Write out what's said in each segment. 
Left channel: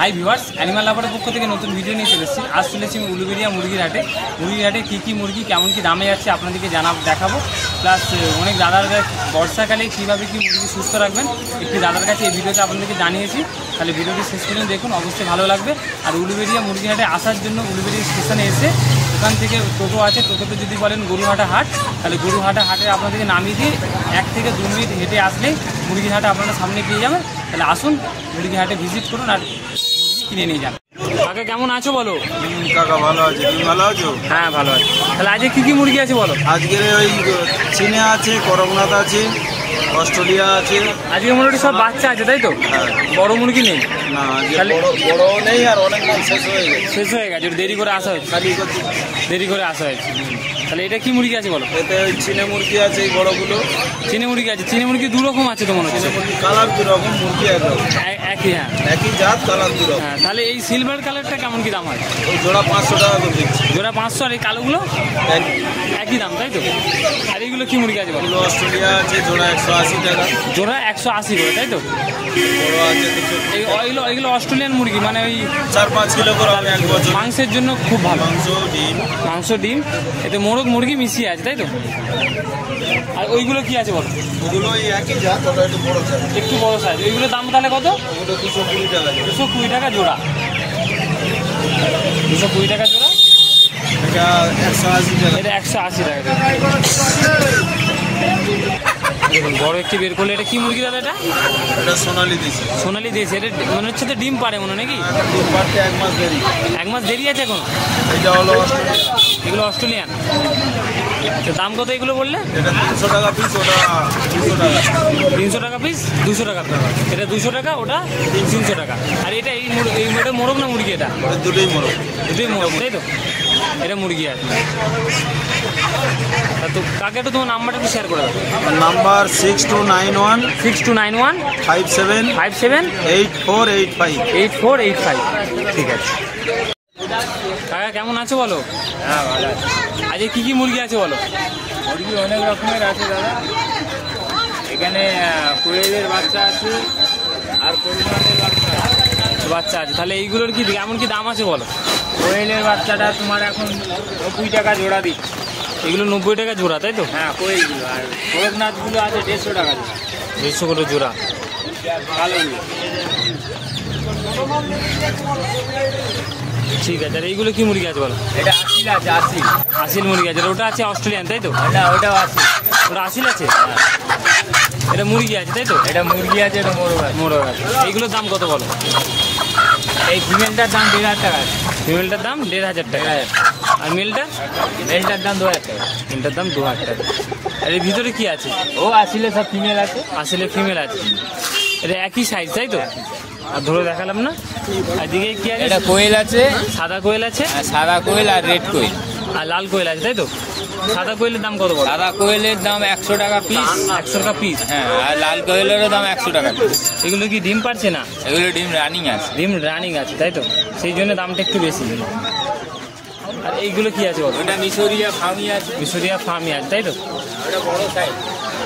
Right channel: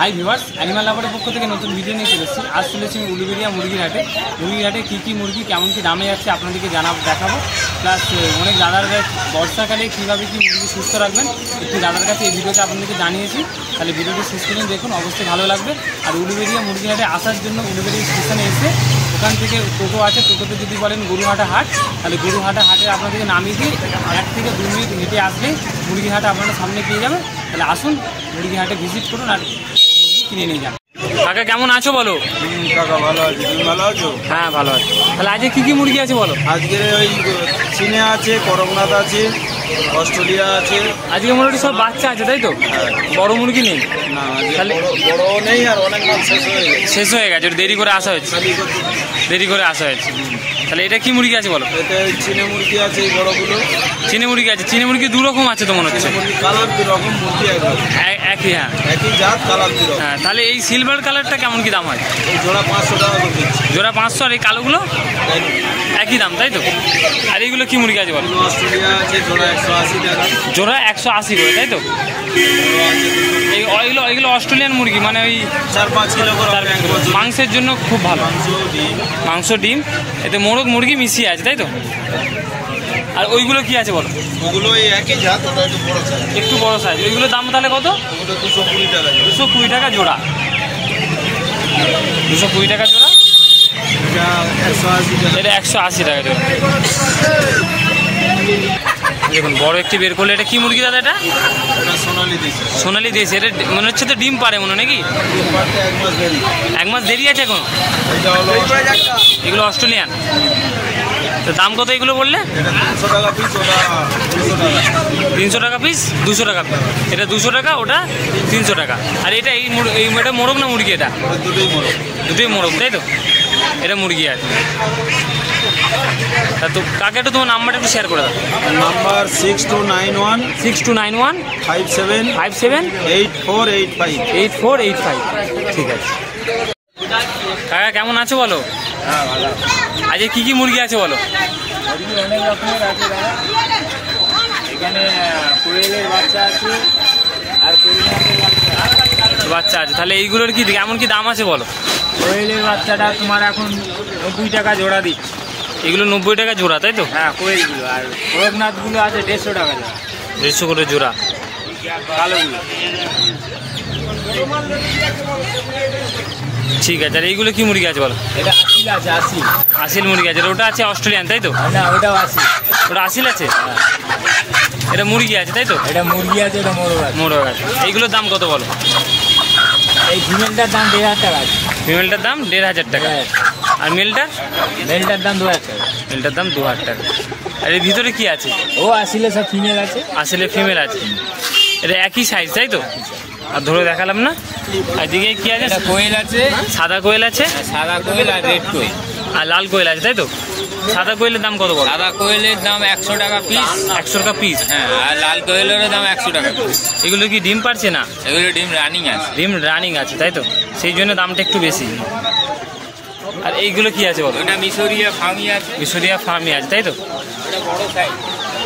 Hi viewers, animal লাভারের পক্ষ থেকে নতুন ভিডিও নিয়ে চলে এসেছি। আজ চলেছি উলুবেড়িয়া মুরগির হাটে কী মুরগি কেমন কী দামে যাচ্ছে আপনাদেরকে দেখাবো। প্লাস অনেক দাদার কাছে বর্ষাকালে কীভাবে কী মুরগি সুস্থ রাখবেন একটি দাদার কাছে এই ভিডিওতে আপনাদেরকে জানিয়েছি। তাহলে ভিডিওটি শেষ পর্যন্ত দেখুন, অবশ্যই ভালো লাগবে। আর উলুবেড়িয়া মুরগি হাটে আসার জন্য উলুবেড়িয়া স্টেশনে এসে ওখান থেকে টোটো আছে, টোটোতে যদি বলেন গরুহাটা হাট, তাহলে গরুহাটা হাটে আপনাদেরকে নামিয়ে দিয়ে 1 থেকে 2 মিনিট হেঁটে আসলেই মুরগি হাটে আপনারা সামনে পেয়ে যাবেন। তাহলে আসুন মুরগি হাটে ভিজিট করুন আর মুরগি কিনে নিয়ে যান। কাকা কেমন আছো বলো? কাকা ভালো আছি, তুমি ভালো আছো? হ্যাঁ ভালো আছি। তাহলে আজকে কী মুরগি আছে বলো? আজকের ওই চীনে আছে, করকনাথ আছে, অস্ট্রেলিয়া আছে। আজকে মোটামুটি সব বাচ্চা আছে তাই তো? হ্যাঁ, বড় মুরগি নেই না, তাহলে বড় নেই আর অনেক মাল শেষ হয়ে গেছে। দেরি করে আসা হয়েছে। তাহলে এটা কি মুরগি আছে বলো? এটা চীনে মুরগি আছে, এই বড়গুলো চীনে মুরগি আছে। চীনে মুরগি 2 রকম আছে তো মনে হচ্ছে। কালার 2 রকম মুরগি আছে, একই? হ্যাঁ, একই জাত, কালার 2 রকম। হ্যাঁ, তাহলে এই সিলভার কালারটা কেমন কি দাম হয়? এই জোড়া 500 টাকা করে দিচ্ছি। জোড়া 500, আর এই কালোগুলো একই দাম তাই তো? আর এইগুলো কি মুরগি আছে বলো? অস্ট্রেলিয়া আছে, জোড়া 180 টাকা। জোড়া 180 করে তাই তো? এইগুলো অস্ট্রেলিয়ান মুরগি, মানে ওই 4-5 কিলো করে মাংসের জন্য খুব ভালো। মাংস, ডিম, এতে মোরগ মুরগি মিশিয়ে আছে তাই তো? আর ওইগুলো কি আছে বলো? ওগুলো একই জাত, ওটা একটু বড় সাইজ। ওইগুলোর দাম তাহলে কত? 220 টাকা। 220 টাকা জোড়া। 220 টাকা জোড়া। এটা 180 টাকা জোড়া। দেখুন বড় একটি বের করলে। এটা কি মুরগি দাদা? এটা সোনালি দেশি। এটা মনে হচ্ছে তো ডিম পারে মনে, নাকি? 1 মাস দেরি আছে এখন। এগুলো অস্ট্রেলিয়ান। তো দাম কত এগুলো বললে? 300 টাকা পিস, ওটা 200 টাকা। 300 টাকা পিস, 200 টাকা। এটা 200 টাকা, ওটা 300 টাকা। আর এটা এটা মোরগ না মুরগি? এটা দুটোই মোরগ তাই তো? এটা মুরগি আছে। তো কাকে একটু তোমার নাম্বারটা একটু শেয়ার করে দাও। নাম্বার 6291 57 8485। ঠিক আছে কাকা, কেমন আছো বলো? হ্যাঁ ভালো। আজকে কি মুরগি আছে বলো? মুরগি অনেক রকমের আছে দাদা। এখানে কোয়েলের বাচ্চা আছে আর বাচ্চা আছে। তাহলে এইগুলোর কি কেমন কি দাম আছে বলো? কোয়েলের বাচ্চাটা তোমার এখন 90 টাকা জোড়া দিচ্ছে। এগুলো 90 টাকা জোড়া তাই তো? হ্যাঁ, কোয়েলগুলো। আর করকনাথগুলো আছে 150 টাকা জোড়া। 150 করে জোড়া। ঠিক আছে। আর এইগুলো কি মুরগি আছে বলো? এটা আসিল আছে, আসিল মুরগি আছে। ওটা আছে অস্ট্রেলিয়ান তাই তো? হ্যাঁ, ওটাও আসিল। ওটা আসিল আছে। এটা মুরগি আছে তাই তো? এটা মুরগি আছে, এটা মোরগ আছে। এইগুলোর দাম কত বলো? এই ফিমেলটার দাম 1000 টাকা। ফিমেলটার দাম 1500 টাকা। আর মেলটার দাম 2000 টাকা। মেলটার দাম 2000 টাকা। আর এর ভিতরে কি আছে? ও আসলে সব ফিমেল আছে। আসলে ফিমেল আছে। এটা একই সাইজ তাই তো? আর ধরে দেখালাম না। আর দিকে কি আছে? কোয়েল আছে, সাদা কোয়েল আছে, সাদা কোয়েল আর রেড কোয়েল আর লাল কোয়েল আছে তাই তো? সাদা কোয়েলের দাম কত বলো? সাদা কোয়েলের দাম 100 টাকা পিস। 100 টাকা পিস। হ্যাঁ, আর লাল কোয়েলের দাম 100 টাকা পিস। এগুলো কি ডিম পারছে না? এগুলো ডিম রানিং আছে। ডিম রানিং আছে তাই তো? সেই জন্য দামটা একটু বেশি। আর এইগুলো কি আছে বলো? এটা মিশরিয়া ফার্মি আছে। মিশরিয়া ফার্মি আছে তাই তো? এটা বড় সাইজ,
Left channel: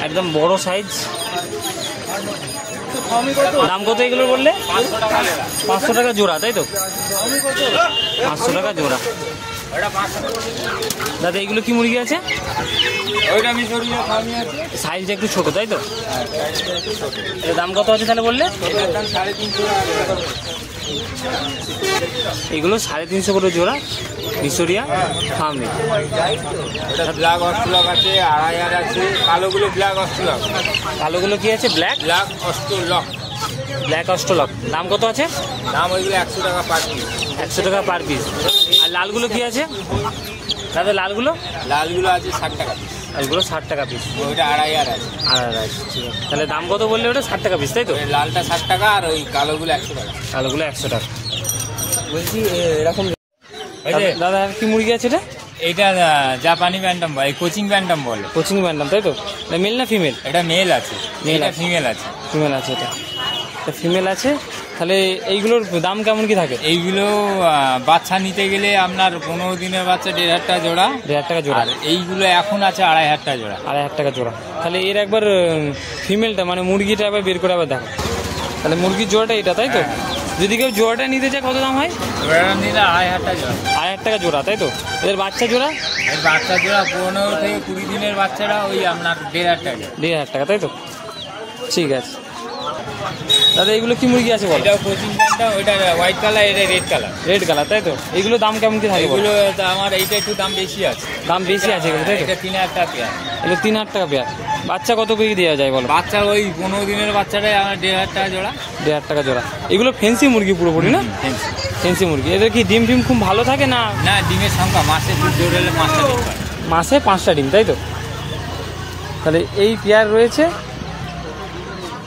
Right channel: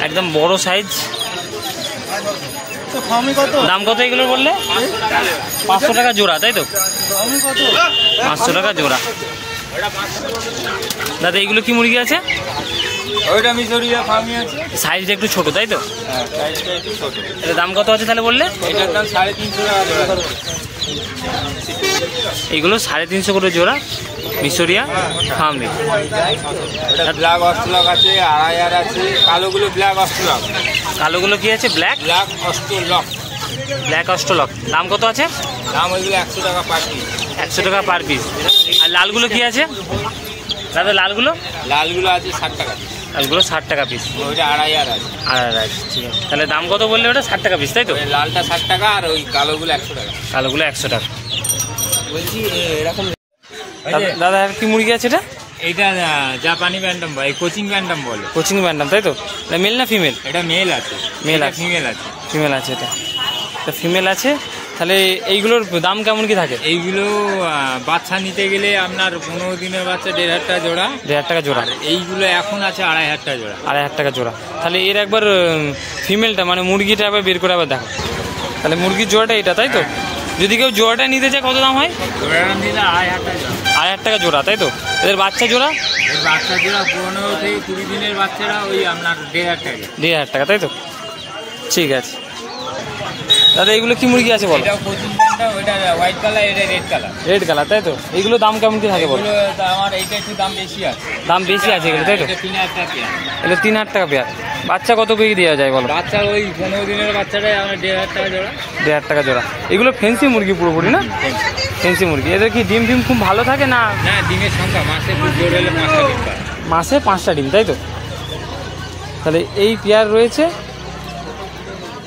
একদম বড় সাইজ। দাম কত এগুলো বললে? 500 টাকা জোড়া তাই তো? 500 টাকা জোড়া। দাদা এইগুলো কি মুরগি আছে? ওইটা মিশরিয়া ফার্মি আছে। সাইজটা একটু ছোট তাই তো? এটা দাম কত আছে তাহলে বললে? এটার দাম 350 টাকা জোড়া। এইগুলো 350 করে জোড়া, মিশরিয়া ফার্মি। ব্ল্যাক অস্ট্রেলক আছে, 2500 আছে। কালোগুলো ব্ল্যাক অস্ট্রেলক। কালোগুলো কি আছে? ব্ল্যাক অস্ট্রেলক। দাম কত আছে? দাম ওইগুলো 100 টাকা পার পিস। 100 টাকা পার পিস। আর লালগুলো কি আছে দাদা? লালগুলো আছে 60 টাকা পিস। লালগুলো 60 টাকা পিস। ওইটা 2500 আছে। ঠিক আছে। তাহলে দাম কত বললে? ওটা 60 টাকা পিস তাই তো? লালটা 60 টাকা আর ওই কালোগুলো 100 টাকা। কালোগুলো 100 টাকা। বলছি এরকম দাদা আর কি মুরগি আছে এটা? এইটা জাপানি ব্যান্ডাম ভাই, কোচিং ব্যান্ডাম বলে। কোচিং ব্যান্ডাম তাই তো? এটা মেল না ফিমেল? এটা মেল আছে। ফিমেল আছে। এটা ফিমেল আছে। তাহলে এইগুলোর দাম কেমন কি থাকে? এইগুলো বাচ্চা নিতে গেলে আপনার 15 দিনের বাচ্চা 1500 টাকা জোড়া। 1500 টাকা জোড়া। এইগুলো এখন আছে 2500 টাকা জোড়া। 2500 টাকা জোড়া। তাহলে এর একবার ফিমেলটা মানে মুরগিটা আবার বের করে আবার দেখো। তাহলে মুরগির জোড়াটা এটা তাই তো? যদি কেউ জোড়াটা নিতে চায় কত দাম হয়? জোড়াটা নিলে 2,500 টাকা। 2,500 টাকা জোড়া, তাই তো? এদের বাচ্চা জোড়া? বাচ্চা জোড়া 15 থেকে 20 দিনের বাচ্চারা ওই আপনার 1,500 টাকা। 1,500 টাকা, তাই তো? ঠিক আছে দাদা, এগুলো কি মুরগি আছে বলো? এটাও কোচিং দামটা, ওইটা হোয়াইট কালার, এটা রেড কালার। রেড কালার, তাই তো? এগুলো দাম কেমন কি থাকে বলো? এগুলো আমার এইটা একটু দাম বেশি আছে। দাম বেশি আছে এগুলো, তাই তো? এটা 3,000 টাকা পেয়ার। এগুলো 3,000 টাকা পেয়ার। বাচ্চা কত করে দেওয়া যায় বলো? বাচ্চা ওই 15 দিনের বাচ্চাটা আমার 1,500 টাকা জোড়া। 1,500 টাকা জোড়া। এগুলো ফেন্সি মুরগি পুরোপুরি না? ফেন্সি মুরগি। এদের কি ডিম ফিম খুব ভালো থাকে না? না, ডিমের সংখ্যা মাসে খুব জোর হলে 5টা ডিম। মাসে 5টা ডিম, তাই তো? তাহলে এই পেয়ার রয়েছে।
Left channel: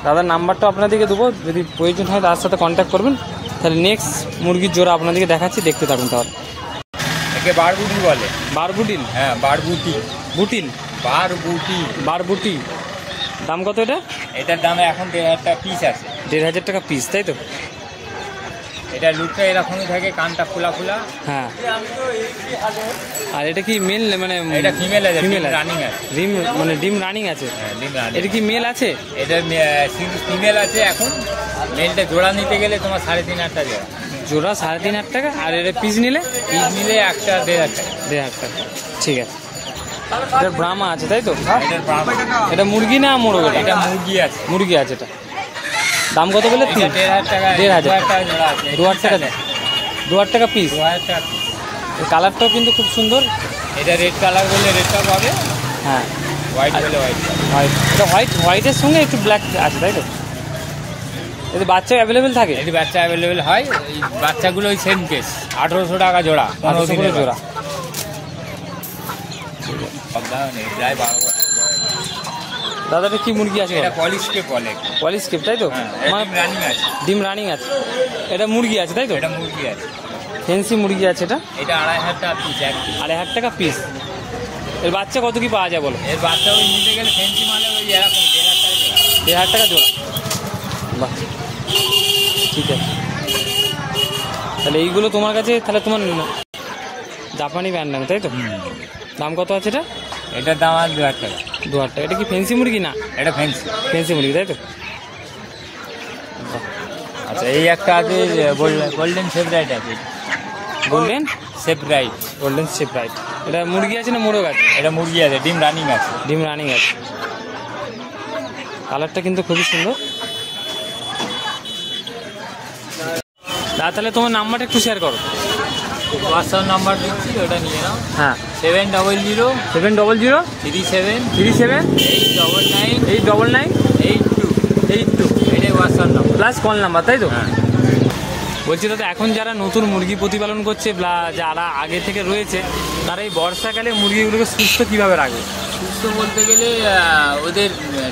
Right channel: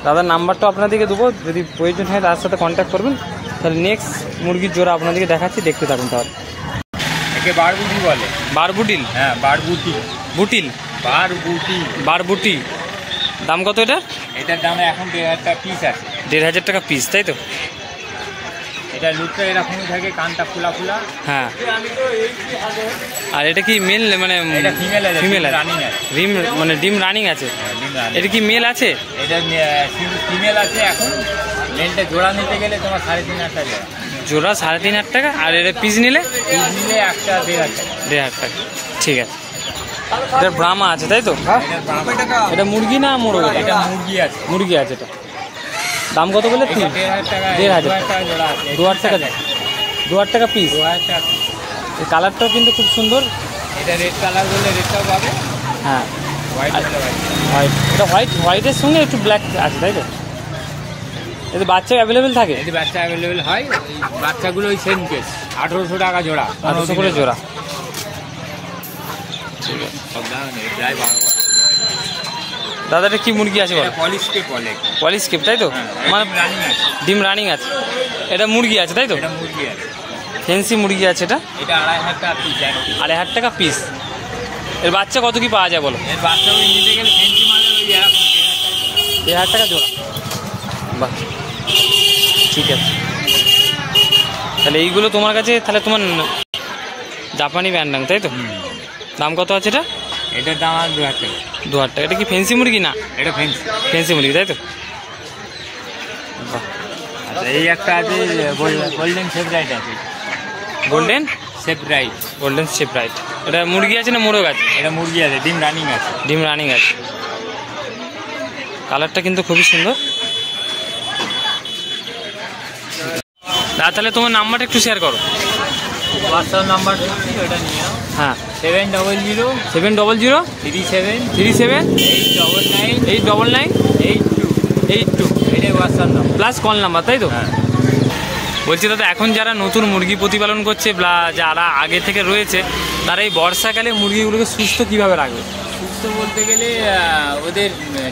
দাদার নাম্বারটা আপনাদেরকে দেবো, যদি প্রয়োজন হয় তার সাথে কন্ট্যাক্ট করবেন। তাহলে নেক্সট মুরগির জোড়া আপনাদেরকে দেখাচ্ছি, দেখতে থাকুন তাহলে। একে বারবুটি বলে। বারবুটিল? হ্যাঁ, বারবুটি। বুটিল? বারবুটি। বারবুটি। দাম কত এটা? এটার দাম এখন 1,500 টাকা পিস আছে। 1,500 টাকা পিস, তাই তো? এটা লুকটা এরকমই থাকে, কানটা খোলা খোলা। হ্যাঁ। আর এটা কি মেল মানে? এটা ফিমেল আছে। ফিমেল আছে, রানিং আছে। ডিম মানে ডিম রানিং আছে। ডিম রানিং। এটা কি মেল আছে? এটা ফিমেল আছে এখন। মেলটা জোড়া নিতে গেলে তোমার 3,500 টাকা জোড়া। জোড়া 3,500 টাকা। আর এটা পিস নিলে? পিস নিলে একটা 1,500 টাকা। 1,500 টাকা, ঠিক আছে। এটা ব্রাহ্মা আছে, তাই তো? এটার দাম, এটা মুরগি না মোরগ? এটা মুরগি আছে। মুরগি আছে। এটা দাম কত বলে? 1,500 টাকা। 1,500 টাকা জোড়া আছে। 2,000 টাকা। 2,000 টাকা পিস। 2,000 টাকা। এই কালারটাও কিন্তু খুব সুন্দর। এটা রেড কালার বললে রেডটাও পাবে, হ্যাঁ। হোয়াইট বললে হোয়াইট। হোয়াইট, এটা হোয়াইটের সঙ্গে একটু ব্ল্যাক আছে, তাই তো? এতে বাচ্চা অ্যাভেলেবেল থাকে? যদি বাচ্চা অ্যাভেলেবেল হয়, বাচ্চাগুলো ওই সেম কেস 1,800 টাকা জোড়া। 800 করে জোড়া, ঠিক আছে। সব দাম নেই, প্রায় 12 বছর। দাদাটা কি মুরগি আছে বলো? এটা পলিশকে বলে। পলিশ কেপ, তাই তো? মানে রানিং আছে। ডিম রানিং আছে। এটা মুরগি আছে, তাই তো? এটা মুরগি আছে। ফেন্সি মুরগি আছে এটা। এটা 2,500 টাকা পিস। 2,500 টাকা পিস। এর বাচ্চা কত কি পাওয়া যায় বলো? এর বাচ্চা ওই নিতে গেলে ফেন্সি মালে ওই এরকম 1,500 টাকা। 1,500 টাকা জোড়া। বাহ, ঠিক আছে। তাহলে এইগুলো তোমার কাছে, তাহলে তোমার জাপানি ব্যান্ডাং, তাই তো? দাম কত আছে এটা? এটার দাম আর 2,000 টাকা। 2,000 টাকা। এটা কি ফেন্সি মুরগি না? এটা ফেন্সি। ফেন্সি মুরগি, তাই তো? বাহ। আচ্ছা, এই একটা আছে গোল্ডেন সেভরাইট আছে। Golden Sebright. গোল্ডেন শেপরাইট। এটা মুরগি আছে না মোরগ আছে? এটা মুরগি আছে, ডিম রানিং আছে। ডিম রানিং আছে। কালারটা কিন্তু খুবই সুন্দর। তাহলে তোমার নাম্বারটা একটু শেয়ার করো। হোয়াটসঅ্যাপ নাম্বার দিচ্ছি, ওটা নিয়ে নাও। হ্যাঁ, 700 700 37 37 899 899 82 82। এটাই WhatsApp number. Plus call number, তাই তো? হ্যাঁ। বলছি দাদা, এখন যারা নতুন মুরগি প্রতিপালন করছে বা যারা আগে থেকে রয়েছে, তারা এই বর্ষাকালে মুরগিগুলোকে সুস্থ কিভাবে রাখবে? সুস্থ বলতে গেলে ওদের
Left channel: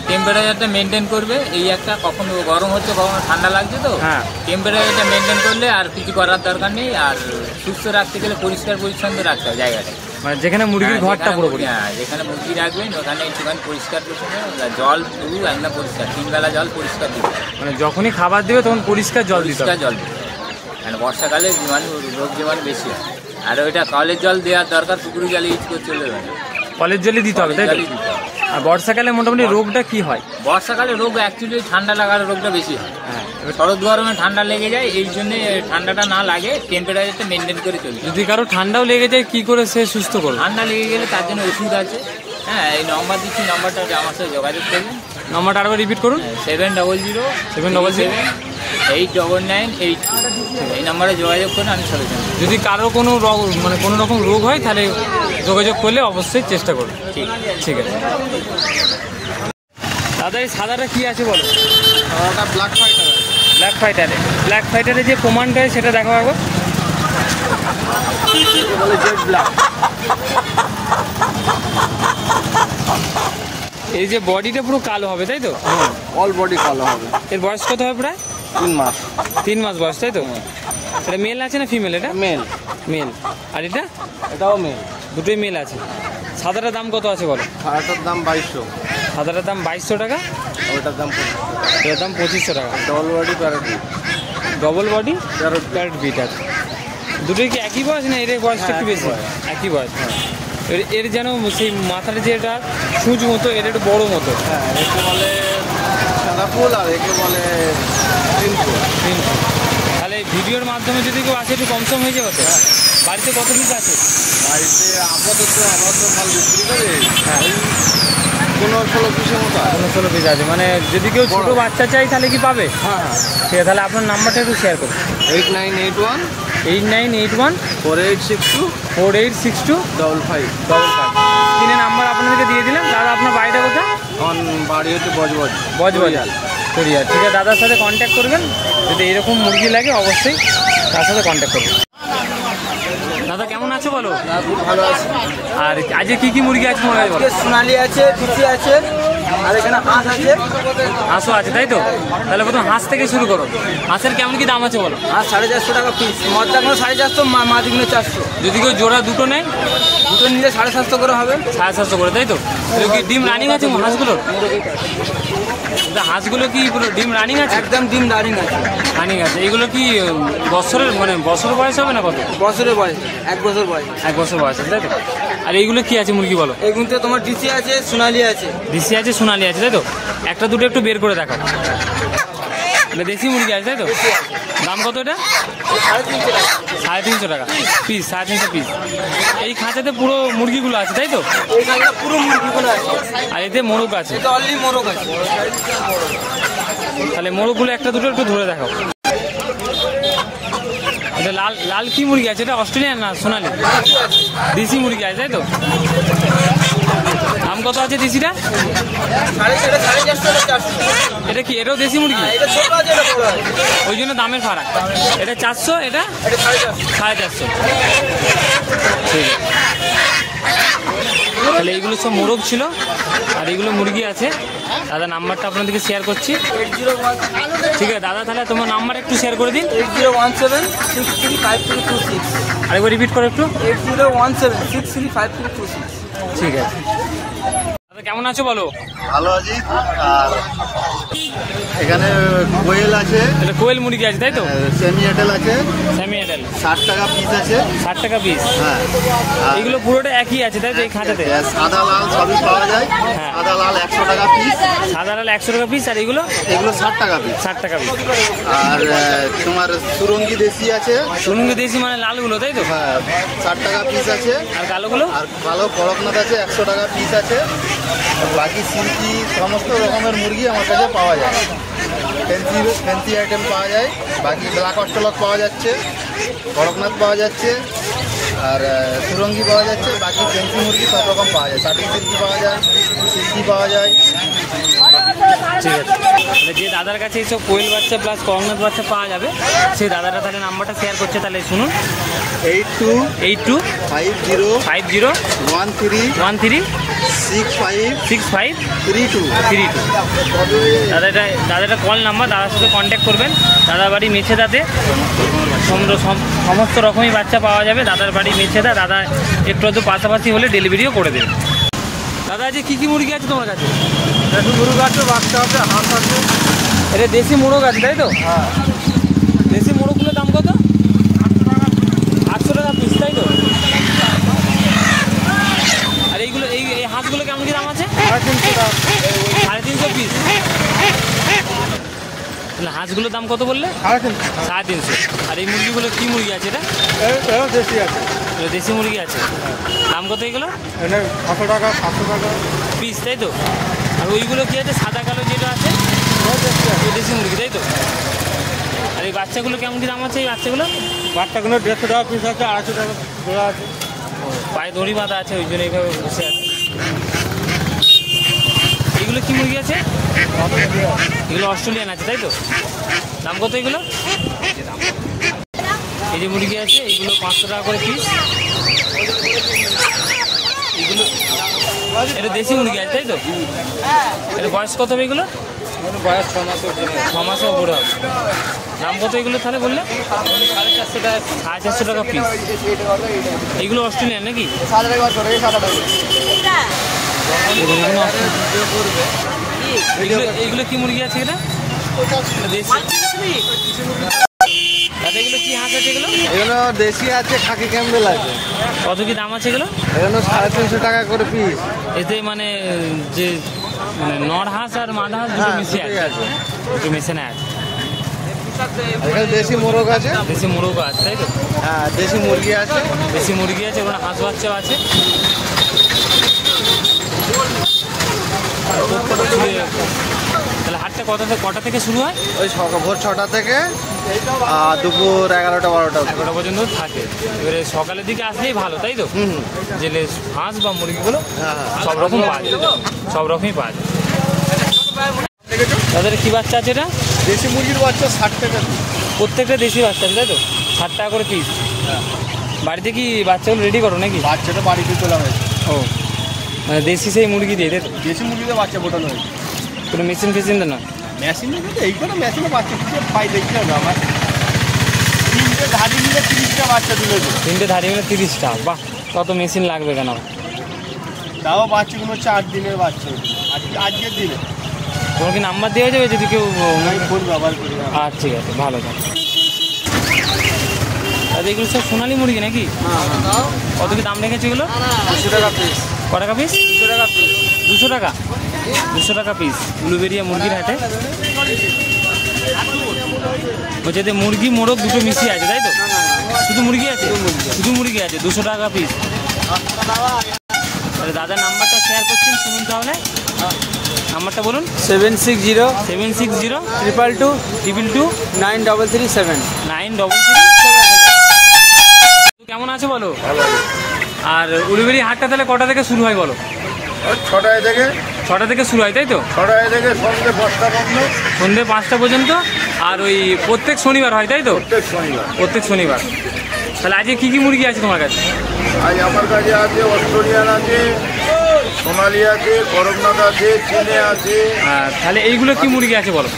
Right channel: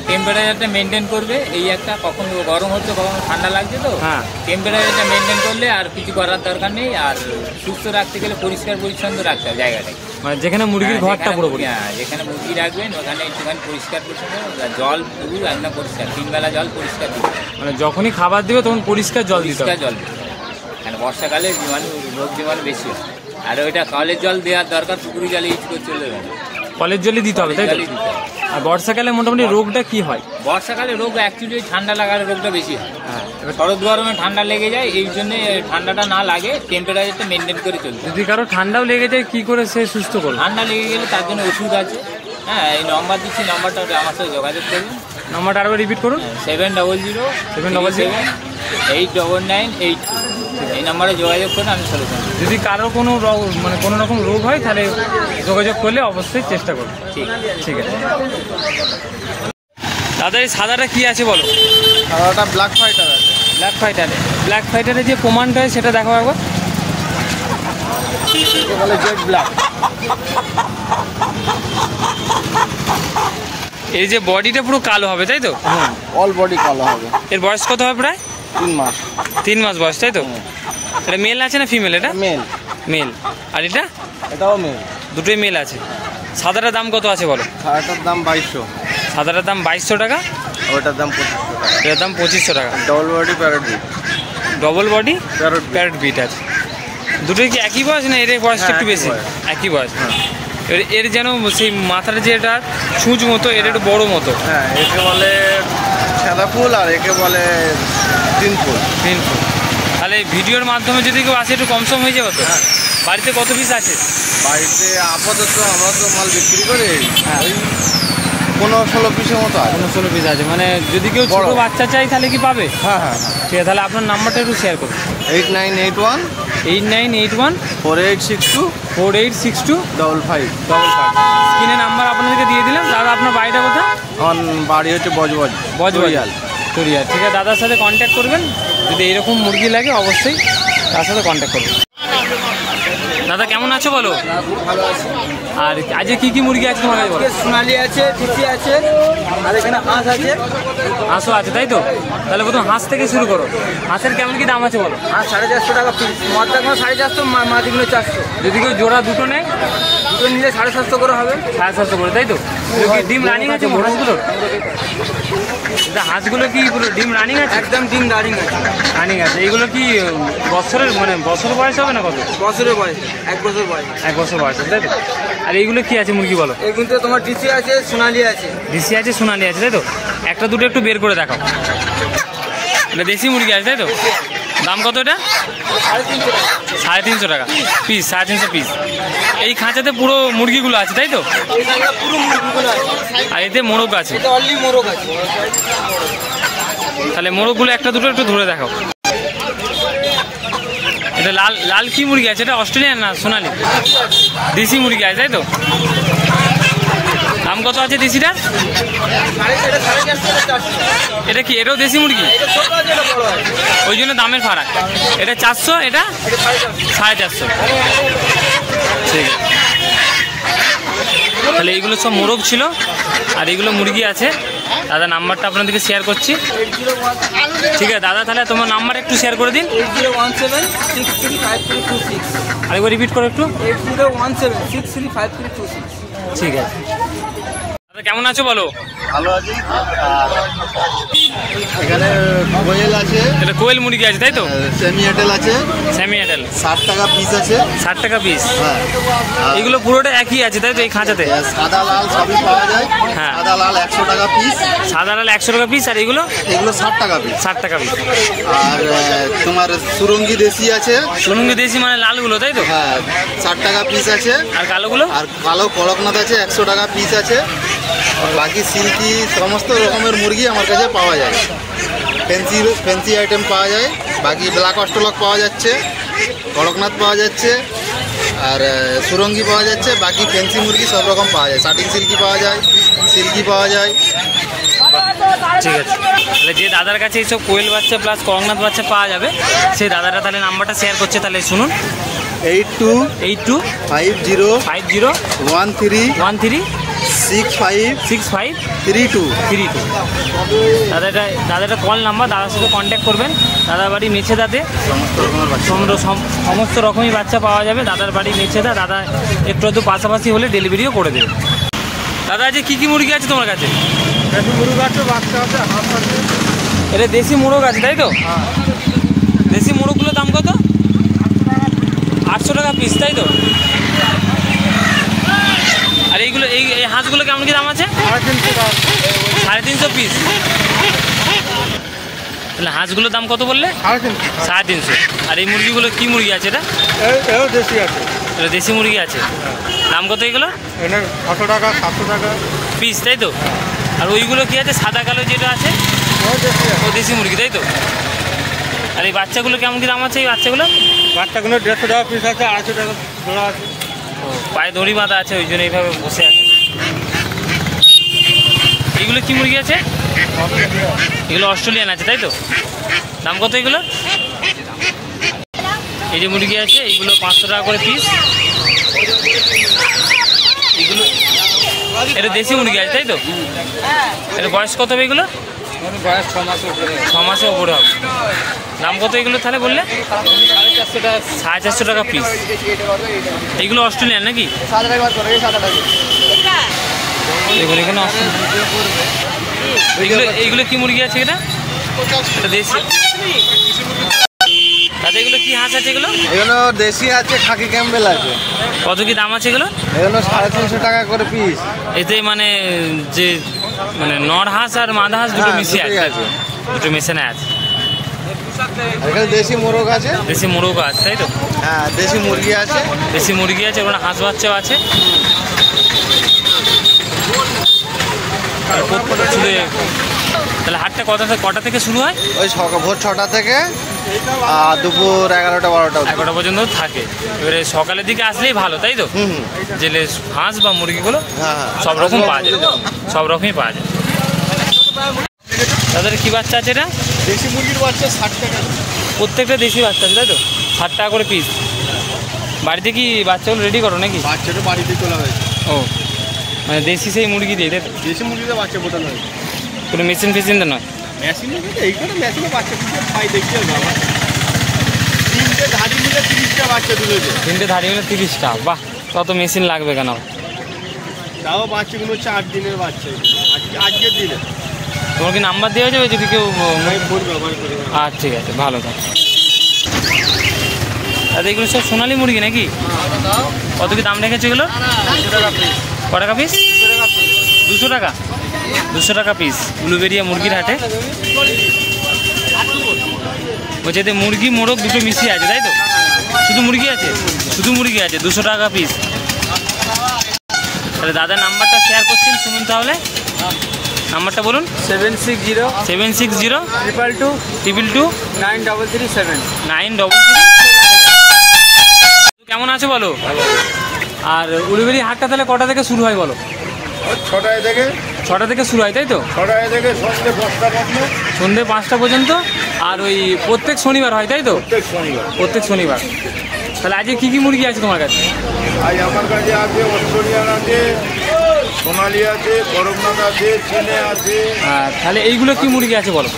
টেম্পারেচারটা মেনটেন করবে। এই একটা, কখনো গরম হচ্ছে কখনো ঠান্ডা লাগছে, তো হ্যাঁ। টেম্পারেচারটা মেনটেন করলে আর কিছু করার দরকার নেই। আর সুস্থ রাখতে গেলে পরিষ্কার পরিচ্ছন্ন রাখতে হবে জায়গাটাকে। মানে যেখানে মুরগির ঘরটা পুরোপুরি। যেখানে মুরগি রাখবেন ওখানে একটুখানি পরিষ্কার পরিচ্ছন্ন, জল পুরো একদম পরিষ্কার, 3 বেলা জল পরিষ্কার দিবে। মানে যখনই খাবার দিবে তখন পরিষ্কার জল দিতে পরিষ্কার হবে। জল দিতে হবে, কারণ বর্ষাকালে রোগ জীবাণু বেশি হয়। আর ওইটা কলের জল দেওয়ার দরকার, পুকুরি জল ইউজ করে চলে যাবে না, কলের জলই দিতে হবে, তাই তো? জলই দিতে হবে। আর বর্ষাকালে মোটামুটি রোগটা কি হয়? বর্ষাকালে রোগ অ্যাকচুয়ালি ঠান্ডা লাগার রোগটা বেশি হয়। হ্যাঁ। শরৎ গরমে ঠান্ডা লেগে যায়, এই জন্য ঠান্ডাটা না লাগে টেম্পারেচারটা মেনটেন করে চলতে হবে। যদি কারো ঠান্ডাও লেগে যায়, কি করে সে সুস্থ করবে? ঠান্ডা লেগে গেলে তার জন্য ওষুধ আছে। হ্যাঁ, এই নম্বর দিচ্ছি, নম্বরটা আমার সাথে যোগাযোগ করবেন। নাম্বারটা আরেকবার রিপিট করুন। 700 777 899 82। এই নম্বরে যোগাযোগ করে আমি সলিউশন দিই। যদি কারো কোনো মানে কোনো রকম রোগ হয়, তাহলে যোগাযোগ করলে অবশ্যই চেষ্টা করুন। ঠিক ঠিক আছে। দাদা, এই সাদাটা কি আছে বলো? সাদাটা ব্ল্যাক ফাইটার। ব্ল্যাক ফাইটারে। ব্ল্যাক ফাইটারে যে প্রমাণটা হয় সেটা দেখো একবার। বলে জেড ব্ল্যাক। এই যে বডিটা পুরো কালো হবে, তাই তো? অল বডি কালো হবে। এর বয়স কত হবে? প্রায় 3 মাস। 3 মাস বয়স, তাই তো? এটা মেল আছে না ফিমেল? এটা মেল। মেল। আর এটা? এটাও মেল। দুটোই মেল আছে। সাদাটার দাম কত আছে বলো? সাদাটার দাম 2200। সাদাটার দাম 2200 টাকা। ওটার দাম 2500। এটার দাম 2500 টাকা। Double body parrot beat. Double body parrot beat আছে। দুটোই কি একই বয়স না এর বয়সটা একটু বেশি? একই বয়স। এবার এর যেন সেই মাথার যেটা সূচ মতো, এর একটু বড় মতো। হ্যাঁ, একে বলে সাদা ফুল আর একে বলে গ্রিন ফুল। গ্রিন ফুল। তাহলে ভিডিওর মাধ্যমে যদি কেউ আসে একটু কম সম হয়ে যাবে তো? বাড়িতে কত পিস আছে? বাড়িতে আপাতত আমরা তো মাল বিক্রি করি, হ্যাঁ 15-16 পিসের মতো। 15-16 পিস আছে, মানে যদি কেউ ছোট বাচ্চা চাই তাহলে কি পাবে? হ্যাঁ হ্যাঁ। ঠিক আছে, তাহলে আপনার নাম্বারটা একটু শেয়ার করুন। 8981 8981 4862 4862 55 55। কিনে নাম্বার আপনাদেরকে দিয়ে দিলাম। দাদা আপনার বাড়িটা কোথায়? আমার বাড়ি হচ্ছে বজবজ। তরিয়া। ঠিক আছে, দাদার সাথে কন্ট্যাক্ট করবেন, যদি এইরকম মুরগি লাগে অবশ্যই তার সাথে কন্ট্যাক্ট করবেন। দাদা কেমন আছো বলো? খুব ভালো আছে। আর আজকে কি কি মুরগি আছে তোমার কাছে বলো? সোনালি আছে, টিসি আছে, আর এখানে হাঁস আছে। হাঁসও আছে তাই তো? তাহলে প্রথম হাঁস থেকে শুরু করো। হাঁসের কেমন কি দাম আছে বলো? আর 450 টাকা পিস, মদ্দাগুলো 450, মাদিগুলো 400। যদি কেউ জোড়া দুটো নেয়? দুটো নিলে 750 করে হবে। 750 করে তাই তো? কি ডিম রানিং আছে হাঁসগুলোর? হাঁসগুলো কি পুরো ডিম রানিং আছে? একদম ডিম রানিং আছে। রানিং আছে। এইগুলো কি বছরের মানে বছর বয়স হবে না কত? বছরের বয়স, 1 বছর বয়স। 1 বছর বয়স আছে তাই তো? আর এইগুলো কি আছে মুরগি বলো? এই কিন্তু তোমার ডিসি আছে, সোনালি আছে। ডিসি আছে, সোনালি আছে তাই তো? একটা দুটো একটু বের করে দেখাও। এটা দেশি মুরগি আছে তাই তো? দাম কত এটা? 350 টাকা পিস। 350 পিস। এই খাঁচাতে পুরো মুরগিগুলো আছে তাই তো? পুরো মুরগিগুলো আছে। আর এতে মোরগ আছে? এটা অনলি মোরগ আছে। তাহলে মোরগগুলো একটা দুটো একটু ধরে দেখাও। এটা লাল লাল কি মুরগি আছে? এটা অস্ট্রেলিয়ান না সোনালি? দেশি মুরগি আছে তাই তো? দাম কত আছে দেশিটা? এটা কি এটাও দেশি মুরগি? ওই জন্য দামের ফারাক। এটা 400, এটা 450। ঠিক আছে, তাহলে এইগুলো সব মোরগ ছিল আর এইগুলো মুরগি আছে। দাদা নাম্বারটা আপনাদেরকে শেয়ার করছি। ঠিক আছে দাদা, তাহলে তোমার নাম্বার একটু শেয়ার করে দিন। 8017635326। আরেকবার রিপিট করো একটু। 8017635326। ঠিক আছে দাদা, কেমন আছো বলো? ভালো আছি। আর এখানে কোয়েল আছে, এটা কোয়েল মুরগি আছে তাই তো? সেমি এটেল আছে, সেমি এডাল 60 টাকা পিস আছে। 60 টাকা পিস। হ্যাঁ, এইগুলো পুরোটা একই আছে তাই তো এই খাঁচাতে? সাদা লাল সবই পাওয়া যায়। হ্যাঁ। সাদা লাল 100 টাকা পিস, সাদা লাল 100 টাকা পিস। আর এইগুলো? এগুলো 60 টাকা পিস। 60 টাকা পিস। আর তোমার সুরঙ্গি দেশি আছে। সুরঙ্গি দেশি মানে লালগুলো তাই তো? হ্যাঁ, 60 টাকা পিস আছে। আর কালোগুলো? আর কালো কড়কনাথ আছে, 100 টাকা পিস আছে। আর বাকি সিল্কি সমস্ত রকমের মুরগি আমার কাছে পাওয়া যায়। ফ্যান্সি আইটেম পাওয়া যায়। বাকি ব্ল্যাক অস্ট্রেলক পাওয়া যাচ্ছে, কড়কনাথ পাওয়া যাচ্ছে, আর সুরঙ্গি পাওয়া যাচ্ছে। বাকি ফ্যান্সি মুরগি সব রকম পাওয়া যায়। শাটিং সিল্কি পাওয়া যায়, সিল্কি পাওয়া যায়। ঠিক আছে, তাহলে যে দাদার কাছে এইসব কোয়েল বাচ্চা প্লাস কড়কনাথ বাচ্চা পাওয়া যাবে, সেই দাদাটা তাহলে নাম্বারটা শেয়ার করছে, তাহলে শুনুন। 825013 656532। দাদাটা কল নাম্বার, দাদার সাথে কন্ট্যাক্ট করবেন। দাদার বাড়ি মেছেদাতে সমস্ত রকমই বাচ্চা পাওয়া যাবে। দাদার বাড়ি মেছেদা। দাদা একটু একটু পাশাপাশি হলে ডেলিভারিও করে দেবে। দাদা যে কী কী মুরগি আছে তোমার কাছে? দেশি মুরগ আছে, বাচ্চা আছে, হাঁস আছে। এটা দেশি মোরগ আছে তাই তো? দেশি মোরগগুলোর দাম কত? 800 টাকা পিস তাই তো? আর এইগুলো এই হাঁসগুলো কেমন কি দাম আছে? 350 টাকা। 350 পিস। তাহলে হাঁসগুলোর দাম কত বললে? 350। আর এই মুরগিগুলো কি মুরগি আছে? এটা দেশি আছে। এটা দেশি মুরগি আছে। দাম কত এগুলো? এটা 600 টাকা, 700 টাকা পিস তাই তো? আর ওইগুলো কি আছে সাদা কালো যেটা আছে? ও দেশি মুরগি তাই তো? আর এই বাচ্চাগুলো কেমন কি দাম আছে? এই বাচ্চাগুলো 150 টাকা পিস আছে, 250 টাকা জোড়া আছে। ও পায়ে দড়ি বাঁধা আছে, ওই জন্য এইভাবে বসে আছে। এইগুলো কি মুরগি আছে? এগুলো অস্ট্রেলিয়ান আছে তাই তো? দাম কত এগুলো? এই যে মুরগি আছে এইগুলো 500 টাকা করে পিস। এইগুলো এটা দেশি মুরগি আছে তাই তো? এটা বয়স কত হবে এগুলো? বয়স 6 মাসের ওপরে হবে। দাম কত এগুলো তাহলে বললে? 450 টাকা পিস। এইগুলো অস্ট্রেলিয়ান নাকি? দেখুন এখানে এইগুলো কি মুরগি আছে? এটা দেশি। তাতে এগুলো কি হাঁস আছে? এগুলো দেশি আছে, খাকি ক্যাম্বেল আছে। কত কি দাম আছে এগুলো? 350 টাকা করে পিস। এতে মানে যে মানে নর হাঁস আর মাদা হাঁস দুটো মিশিয়ে আছে, দুটো মেশানো আছে। এখানে দেশি মোরগ আছে, দেশি মোরগও আছে তাই তো? হ্যাঁ দেশি মুরগি আছে, দেশি মুরগি আছে, ওখানে হাঁস বাচ্চাও আছে। তাহলে হাটটা কটা থেকে শুরু হয়? ওই ভোর 6টা থেকে দুপুর 11টা 12টা 11টা পর্যন্ত থাকে। এবারে সকালের দিকে আসলেই ভালো তাই তো? জেলে হাঁস বা মুরগিগুলো সব রকম পাওয়া যায়, সব রকমই পাওয়া যায়। তাদের কি বাচ্চা আছে এটা? দেশি মুরগির বাচ্চা 60 টাকা, প্রত্যেকটা দেশি বাচ্চা আছে তাই তো? 60 টাকা করে পিস। বাড়িতে কি বাচ্চাগুলো রেডি করো নাকি? বাচ্চাটা বাড়িতে তোলা হয়েছে। ও মানে দেশি সেই মুরগি দিয়ে তাই তো? দেশি মুরগিতে বাচ্চা ফোটানো হয়েছে, কোনো মেশিন ফেশিন তো নয়? মেশিন এইগুলো মেশিনে বাচ্চা ফুটে পাই দেখতে হবে। 3টে ধাড়ি মিলে 30টা বাচ্চা দিলেছে। 3টে ধাড়ি মিলে 30টা, বাহ! তত মেশিন লাগবে কেন? তাও বাচ্চাগুলো 4 দিনের বাচ্চা, আজকের দিনে। তোমার কি নাম্বার দেওয়া যাবে যদি কেউ? ফুল ব্যবহার করি। আচ্ছা ঠিক আছে, ভালো থাকে। দাদা এগুলো সব সোনালি মুরগি নাকি? কত কি দাম রেখেছে এগুলো? 200 টাকা পিস। ক টাকা পিস? 200 টাকা। 200 টাকা পিস উলুবেড়িয়া মুরগির হাটে। বলছে এতে মুরগি মোরগ দুটো মিশিয়ে আছে তাই তো? শুধু মুরগি আছে? শুধু মুরগি আছে, 200 টাকা পিস। তাহলে দাদার নাম্বারটা শেয়ার করছেন, শুনুন তাহলে নাম্বারটা বলুন। 760 760 222 222 9337। 933। কেমন আছে বলো? আর উলুবেড়ি হাটটা তাহলে কটা থেকে শুরু হয় বলো? 6টায় থেকে 6টা থেকে শুরু হয় তাই তো? 6টায় থেকে সন্ধ্যে 5টা পর্যন্ত। সন্ধ্যে 5টা পর্যন্ত। আর ওই প্রত্যেক শনিবার হয় তাই তো? প্রত্যেক শনিবার। প্রত্যেক শনিবার। তাহলে আজকে কি কি মুরগি আছে তোমার কাছে? আজ আমার কাছে আছে অস্ট্রেলিয়ান আছে, সোনালি আছে, করমনাথ আছে, চিনে আছে। তাহলে এইগুলো কি মুরগি আছে বলো?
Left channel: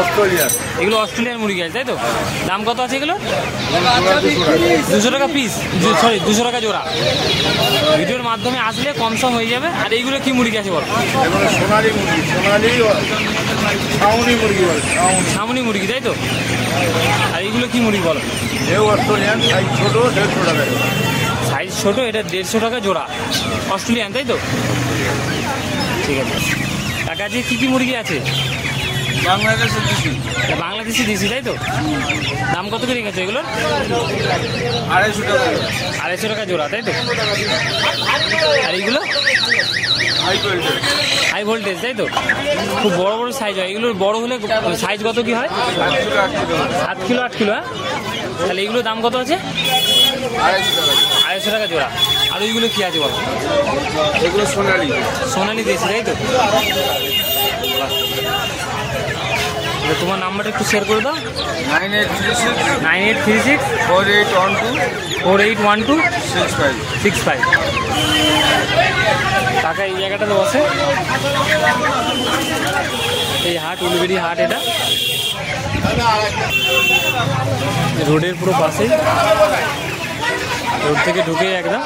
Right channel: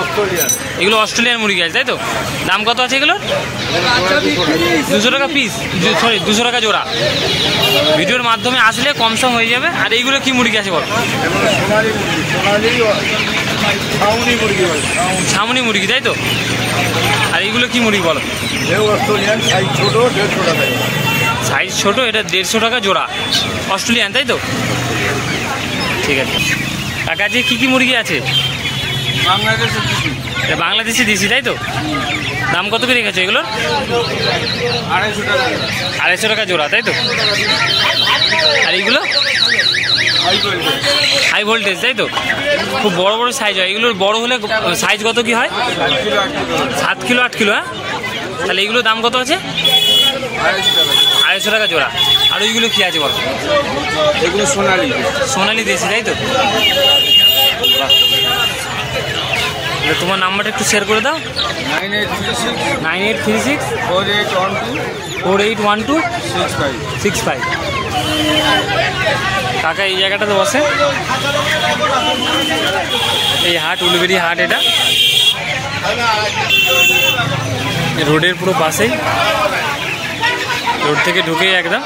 অস্ট্রেলিয়ান। এগুলো অস্ট্রেলিয়ান মুরগি আছে তাই তো? দাম কত আছে এগুলো? 200 টাকা পিস, সরি 200 টাকা জোড়া। ভিডিওর মাধ্যমে আসলে কম সম হয়ে যাবে। আর এইগুলো কি মুরগি আছে বলো? সোনালি মুরগি, সোনালি ছাউনি মুরগি বলে, ছামনি মুরগি তাই তো? আর এইগুলো কি মুরগি বলো? এও অস্ট্রেলিয়ান, সাইজ ছোট, 150 টাকা। সাইজ ছোট, এটা 150 টাকা জোড়া, অস্ট্রেলিয়ান তাই তো? ঠিক আছে। কাকা যে কী কী মুরগি আছে? বাংলাদেশের দেশি। এটা বাংলাদেশি দেশি তাই তো? দাম কত করে রেখেছো এগুলোর? 250 টাকা। 250 টাকা জোড়া তাই তো? আর এইগুলো হাই ভোল্টেজ তাই তো? খুব বড় বড় সাইজ হয় এগুলোর। বড় হলে সাইজ কত কি হয়? 7 কিলো 8 কিলো। হ্যাঁ, তাহলে এইগুলোর দাম কত আছে? 250 টাকা জোড়া। আর ওইগুলো কি আছে বলো? এগুলো সোনালি। সোনালি দেশি তাই তো? বাহ! তোমার নাম্বারটা একটু শেয়ার করে দাও। 9836 9836 4812 4812 65। 65। কাকা এই জায়গাটাতে বসে, এই হাট উলুবেড়ি হাট। এটা রোডের পুরো পাশেই, রোড থেকে ঢুকেই একদম।